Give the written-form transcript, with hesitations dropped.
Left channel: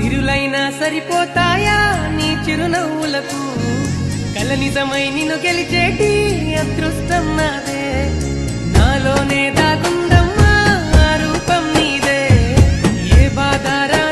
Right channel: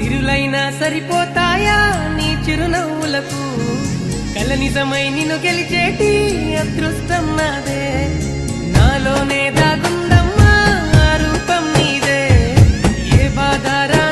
సిరులైనా సరిపోతాయా నీ చిరునవ్వులకు కల నిజమై నిన్ను గెలిచేటి అదృష్టం నాదే నాలోనే దాగుందమ్మా ఆ రూపం నీదే ఏ బాధారా